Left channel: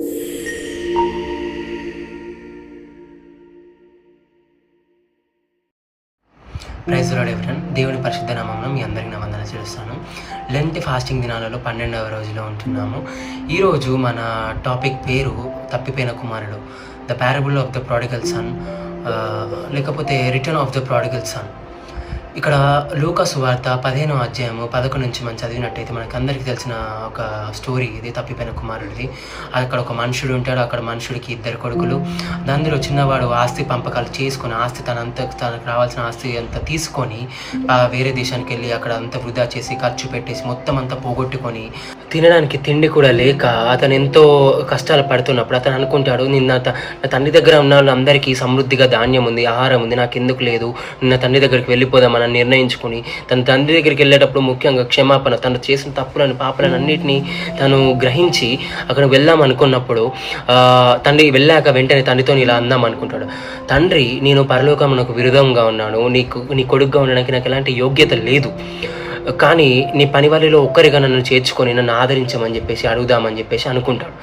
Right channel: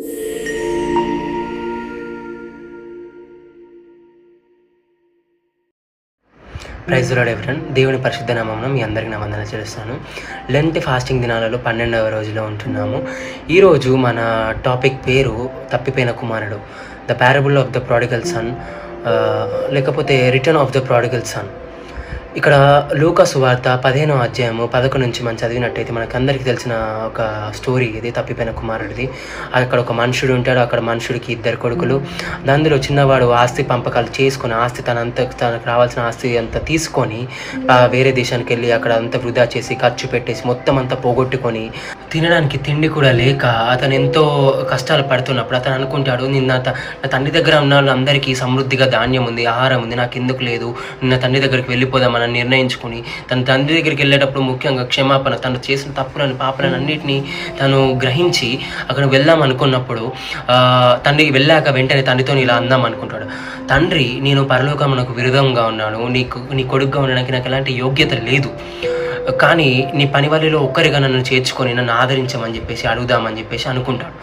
Praise lord everyone. దేవుని పరిశుద్ధ నామమున మీ అందరికీ నా వందనాలు చేస్తాను. లెంట్ ఫాస్టింగ్ దినాలలో 12వ రోజులో ఉంటున్నాము. ఈరోజు మన టాపిక్ పేరు తప్పిపోయిన కుమారుడు, the parable of the prodigal son, లేకపోతే return of the prodigal son. ఇక్కడ లూకా సువార్త 15వ అధ్యాయము 11 నుంచి మనం చదివినట్టయితే మనకందరికీ తెలిసిన ఒక స్టోరీ ఇది, తప్పిపోయిన కుమారుడిది. అక్కడ ఒక మనుషుడు ఉంటాడు. అక్కడ మనుషుడికి 2 కొడుకులు. అందులో చిన్నవాడు ఆస్తి పంపకాలు చేసుకొని తనకు రావాల్సిన ఆస్తి అంతా తీసుకొని వేరే దేశానికి వెళ్ళి అక్కడ అంతా వృధా చేసి ఖర్చు పెట్టేసి మొత్తం అంతా పోగొట్టుకొని తినడానికి తిండి కూడా లేక అతను ఎంతో కష్టాలు పడుతున్నప్పుడు అతను అనుకుంటాడు, నా తండ్రి దగ్గర ఉన్న వాళ్ళందరికీ సమృద్ధిగా ధాన్యం ఉంది, ఆహారం ఉంది, నాకు ఎందుకు లేదు, నిన్న తండ్రి దగ్గరికి వెళ్ళిపోదామని నిర్ణయించుకుని తన తండ్రి దగ్గరికి వెళ్ళేటప్పుడు ముఖ్యంగా క్షమాపణ, తను చేసిన తప్పులను పాపలను అన్నిటినీ తను గ్రహించి అక్కడ వెళ్దాం అనుకున్నప్పుడు తండ్రి వెళ్ళాక వెంటనే తండ్రితో ఇలా అందాం అనుకుంటాడు. తండ్రి, నేను పరలోకమునకు విరుద్ధంగా ఉన్నాను, నీ కొడుకుగా ఉండడానికి నాకు ఎలాంటి యోగ్యత లేదు, కానీ నీ పని వాళ్ళలో ఒక్కరిగా నన్ను చేర్చుకొని నన్ను ఆదరించమని చెప్పేసి అడుగుదామని చెప్పేసి అనుకుంటాడు.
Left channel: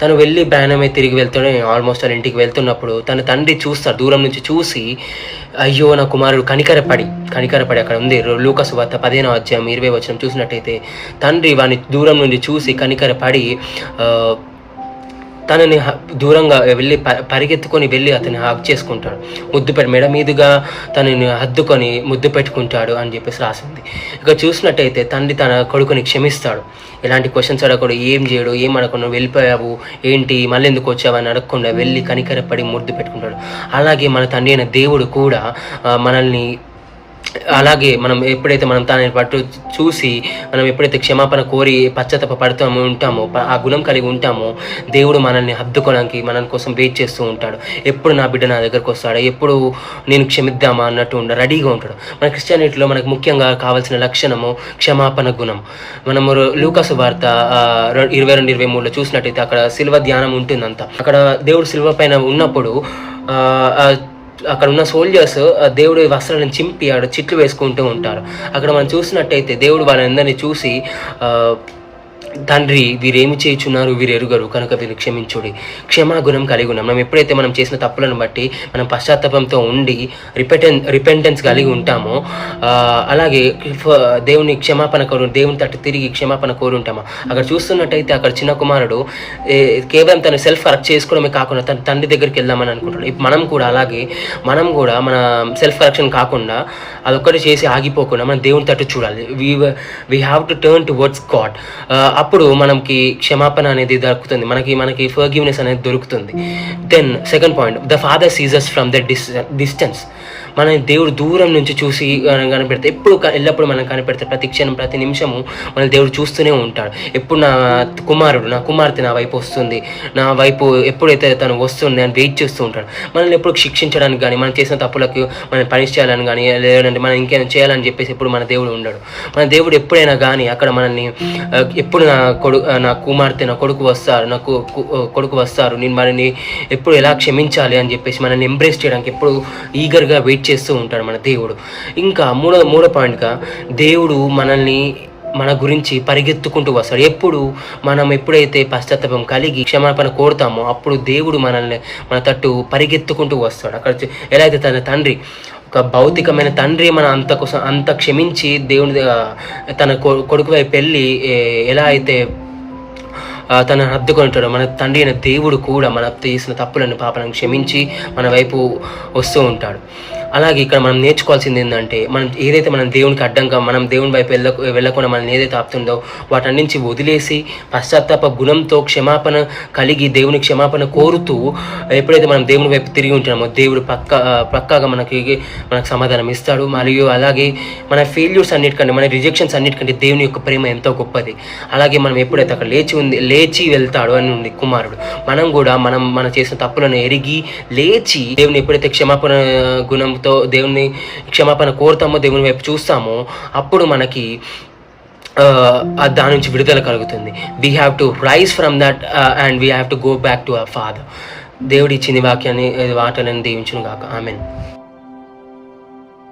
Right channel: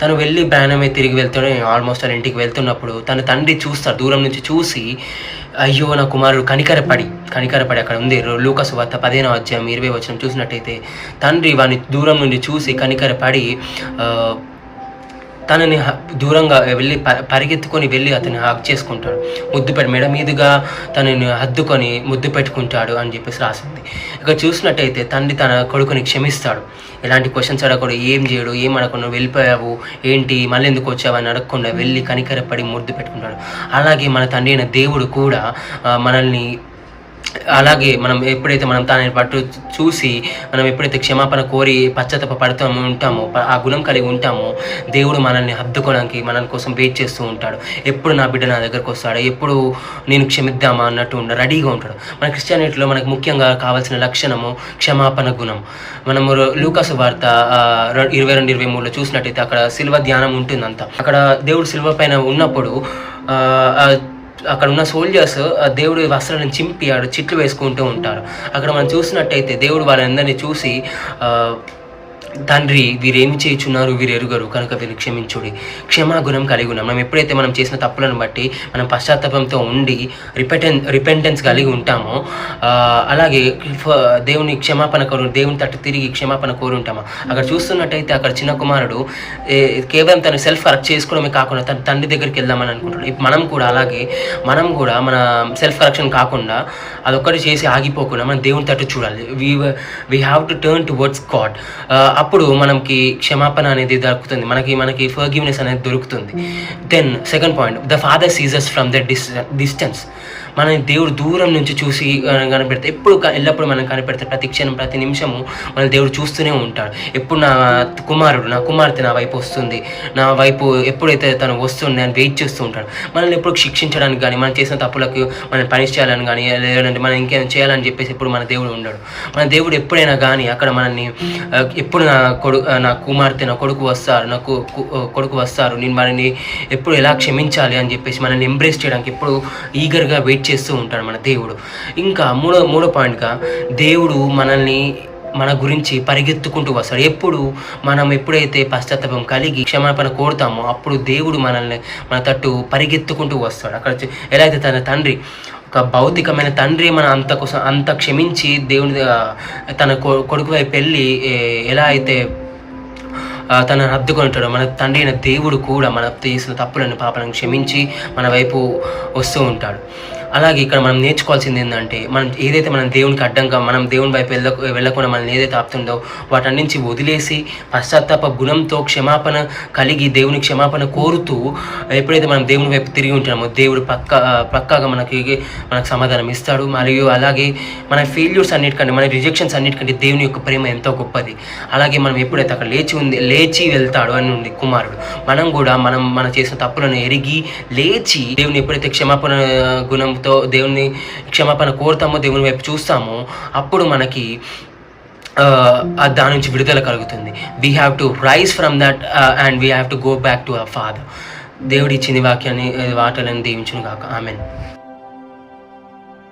తను వెళ్ళి ప్రయాణమే తిరిగి వెళ్తాడు. ఆల్మోస్ట్ వాళ్ళ ఇంటికి వెళ్తున్నప్పుడు తన తండ్రి చూస్తాడు, దూరం నుంచి చూసి అయ్యో నా కుమారుడు కనికరపడి అక్కడ ఉంది లూకా సువార్త 15వ అధ్యాయం 20వ వచనం చూసినట్టయితే తండ్రి వాడిని దూరం నుండి చూసి కనికరపడి తనని దూరంగా వెళ్ళి పరిగెత్తుకొని వెళ్ళి అతన్ని హగ్ చేసుకుంటాడు, మెడ మీదుగా తనని హద్దుకొని ముద్దు పెట్టుకుంటాడు అని చెప్పేసి రాసింది. ఇక్కడ చూసినట్టయితే తండ్రి తన కొడుకుని క్షమిస్తాడు. ఎలాంటి క్వశ్చన్స్ అడగకుండా, ఏం చేయడు, ఏం అడగకుండా, వెళ్ళిపోయావు ఏంటి, మళ్ళీ ఎందుకు వచ్చావు అని అడగకుండా వెళ్ళి కనికరపడి ముద్దు పెట్టుకుంటాడు. అలాగే మన తండ్రి అయిన దేవుడు కూడా మనల్ని అలాగే మనం ఎప్పుడైతే మనం తనని పట్టు చూసి మనం ఎప్పుడైతే క్షమాపణ కోరి పశ్చాత్తాప పడుతూ ఉంటామో, ఆ గుణం కలిగి ఉంటామో, దేవుడు మనల్ని హద్దుకోవడానికి మన కోసం వెయిట్ చేస్తూ ఉంటాడు. ఎప్పుడు నా బిడ్డ నా దగ్గరకు వస్తాడు, ఎప్పుడు నేను క్షమిద్దామా అన్నట్టు రెడీగా ఉంటాడు. మన క్రిస్టియానిటీలో మనకు ముఖ్యంగా కావాల్సిన లక్షణము క్షమాపణ గుణం. మనము లూకా సువార్త 22-23లో చూసినట్టయితే అక్కడ సిల్వ ధ్యానం ఉంటుందంతా. అక్కడ దేవుడు సిల్వ పైన ఉన్నప్పుడు అక్కడ ఉన్న సోల్జర్స్ దేవుడి వస్త్రాలను చింపి ఆడ చిట్లు వేసుకుంటూ ఉంటారు. అక్కడ మనం చూసినట్టయితే దేవుడు వాళ్ళందరినీ చూసి తండ్రి, వీరేమి చేయుచున్నారు, వీరు ఎరుగరు కనుక వీరు క్షమించుడి. క్షమాగుణం కలిగి ఉన్నాం. మనం ఎప్పుడైతే మనం చేసిన తప్పులను బట్టి మనం పశ్చాత్తాపంతో ఉండి రిపెంటెన్స్ కలిగి ఉంటామో, అలాగే దేవుని క్షమాపణ దేవుని తట్టు తిరిగి క్షమాపణ కోరి ఉంటామో. అక్కడ చూస్తున్నట్టయితే అక్కడ చిన్న కుమారుడు కేవలం తను సెల్ఫ్ కరెక్ట్ చేసుకోవడమే కాకుండా తన తండ్రి దగ్గరికి వెళ్దామని అనుకుంటాడు. మనం కూడా అలాగే మనం కూడా మన సెల్ఫ్ కరెక్షన్ కాకుండా అదొక్కటి చేసి ఆగిపోకుండా మనం దేవుని తట్టు చూడాలి. We have to turn towards God. అప్పుడు మనకి క్షమాపణ అనేది దొరుకుతుంది, మనకి ఫర్గివ్నెస్ అనేది దొరుకుతుంది. Then second point, the father sees us from the distance. మన దేవుడు దూరం నుంచి చూసి కనిపెడితే ఎల్లప్పుడు మనం కనిపెడితే ప్రతి క్షణం ప్రతి నిమిషము మన దేవుడు చూస్తూనే ఉంటాడు. ఎప్పుడు నా కుమార్తె నా వైపు వస్తుంది, నా వైపు ఎప్పుడైతే తను వస్తుంది అని వెయిట్ చేస్తూ ఉంటాడు. మనల్ని ఎప్పుడు శిక్షించడానికి కానీ, మనం చేసిన తప్పులకు మనం పనిష్ చేయాలని కానీ, లేదంటే మనం ఇంకేమైనా చేయాలని చెప్పేసి ఎప్పుడు మన దేవుడు ఉండడు. మన దేవుడు ఎప్పుడైనా కానీ అక్కడ మనల్ని ఎప్పుడు నా కుమార్తె నా కొడుకు వస్తారు నేను వారిని ఎప్పుడు ఎలా క్షమించాలి అని చెప్పేసి మనల్ని ఎంబ్రేస్ చేయడానికి ఎప్పుడు ఈగర్గా వెయిట్ చేస్తూ ఉంటాడు మన దేవుడు. ఇంకా మూడో పాయింట్గా, దేవుడు మన గురించి పరిగెత్తుకుంటూ వస్తాడు. ఎప్పుడైతే పశ్చాత్తాపం కలిగి క్షమాపణ కోరుతామో అప్పుడు దేవుడు మన తట్టు పరిగెత్తుకుంటూ వస్తాడు. అక్కడ ఎలా అయితే తన తండ్రి, ఒక భౌతికమైన తండ్రి అంత క్షమించి దేవుని తన కొడుకు వైపు వెళ్ళి ఎలా అయితే తన హద్దుకుంటాడో, మన తండ్రి అయిన దేవుడు కూడా మన చేసిన తప్పులను పాపాలను క్షమించి మన వైపు వస్తూ ఉంటాడు. అలాగే ఇక్కడ మనం నేర్చుకోవాల్సింది ఏంటంటే, ఏదైతే మనం దేవునికి అడ్డంగా మనం దేవుని వైపు వెళ్ళకుండా మనం ఏదైతే ఆపుతుందో వాటన్నించి వదిలేసి పశ్చాత్తాప గుణంతో క్షమాపణ కలిగి దేవుని క్షమాపణ కోరుతూ ఎప్పుడైతే మనం దేవుని వైపు తిరిగి ఉంటున్నామో దేవుడు పక్కాగా మనకు సమాధానం ఇస్తాడు. మరియు అలాగే మన ఫెయిల్యూర్స్ అన్నిటికంటే, మన రిజెక్షన్స్ అన్నిటికంటే దేవుని యొక్క ప్రేమ ఎంతో గొప్పది. అలాగే మనం ఎప్పుడైతే అక్కడ లేచి వెళ్తాడు అని ఉంది కుమారుడు, మనం కూడా మన చేసిన తప్పులను ఎరిగి లేచి దేవుని ఎప్పుడైతే క్షమాపణ గుణంతో దేవుని క్షమాపణ కోరుతామో, దేవుని వైపు చూస్తామో, అప్పుడు మనకి దాని నుంచి విడుదల కలుగుతుంది. We have to rise from that and we have to go back to our father. దేవుడు ఇచ్చింది వాక్యాన్ని వాటలను దీవించును గాక. ఆమెన్.